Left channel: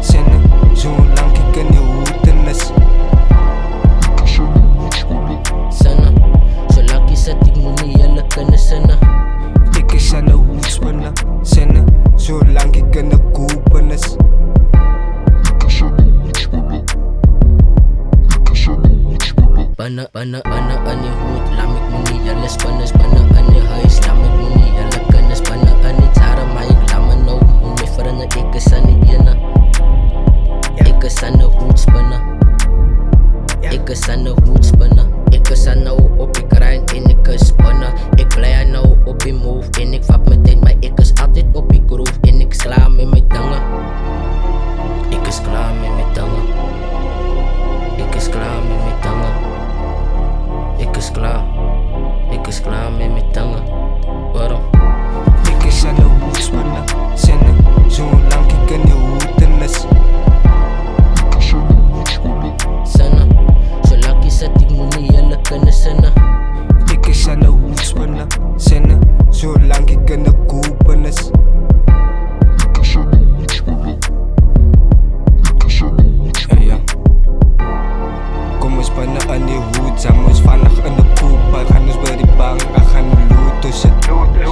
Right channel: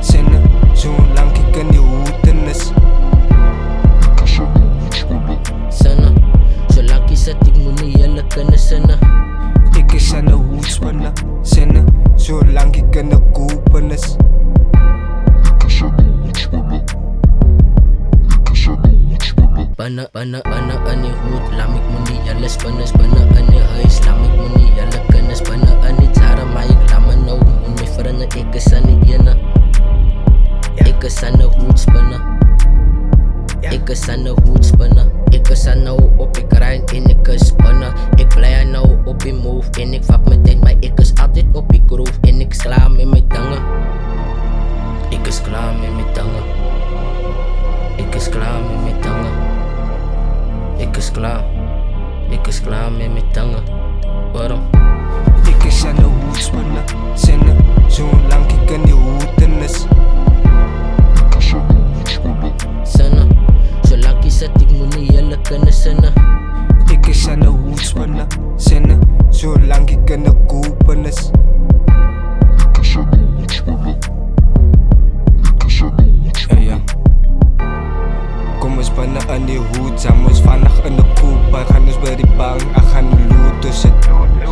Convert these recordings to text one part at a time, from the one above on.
Senne, zo'n lang ik kan je hoeten is. Sana, zolang je zet ik moet niet jullie kunnen zinnen. Ik is aan de hoedspannen. Senne, zolang ik kan de kopen is. Bannen aan die hoed, laat ik moet niet jullie spannen. Bannen aan die huis, laat ik moet niet jullie kunnen spannen. Aan die jaren, maar ik laat me nou moet me veranderen. Ik is aan die ene. Ik is aan de hoed spannen. Ik is aan de hoed spannen. Ik is aan nou op ik grind en ik is spannen. Ik blij nou op die move en ik vat meteen, maar ik is altijd op die groove en ik is klaar met mijn tangen. Ik is klaar met mijn tangen. Ik is klaar met mijn tangen. Ik is klaar met mijn tangen. Waarom? Ik is aan de hoedspannen. Senne, zolang ik kan je hoeten is. Sana, zolang je zet ik moet niet jullie kunnen zinnen. Ik is aan de hoedspannen. Senne, zolang ik kan de kopen is. Ja. Kom eens binnen aan die hoed, zijn ons vannacht in de koep. Wij gaan ons bij die bang, ik ga nu looten zit.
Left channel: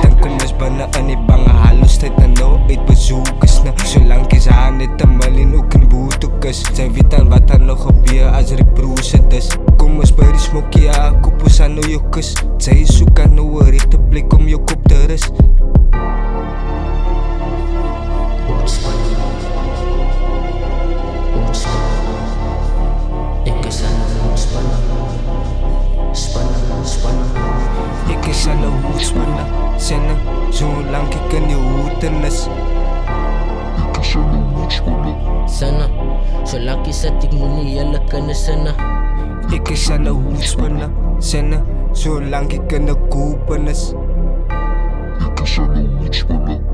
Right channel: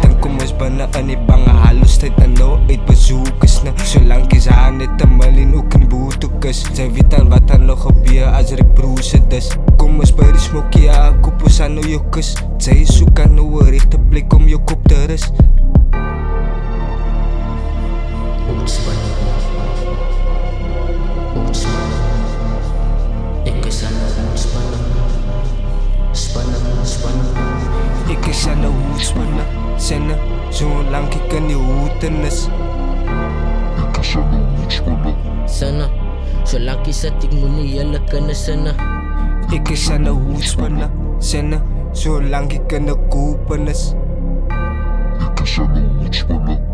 Dan kom eens binnen aan die bang, hallo tijd en nou uit bezoekers. Zolang is haar net een malin ook in boetekes. Zij weet al wat er nog gebeur als er broers het is. Kom eens bij die smokie, ja, koop ons aan nou je kus. Zij zoek aan nou een rechte plek om je kop te rust. Hoedspannen. Ik is aan de hoedspannen. Spannen. Ik is aan de hoedspannen. Senne, zolang ik kan je hoeten is. Sana, zolang je zet ik moet niet jullie kunnen zinnen. Ik is aan de hoedspannen. Senne, zolang ik kan de kopen is. Hoedspannen.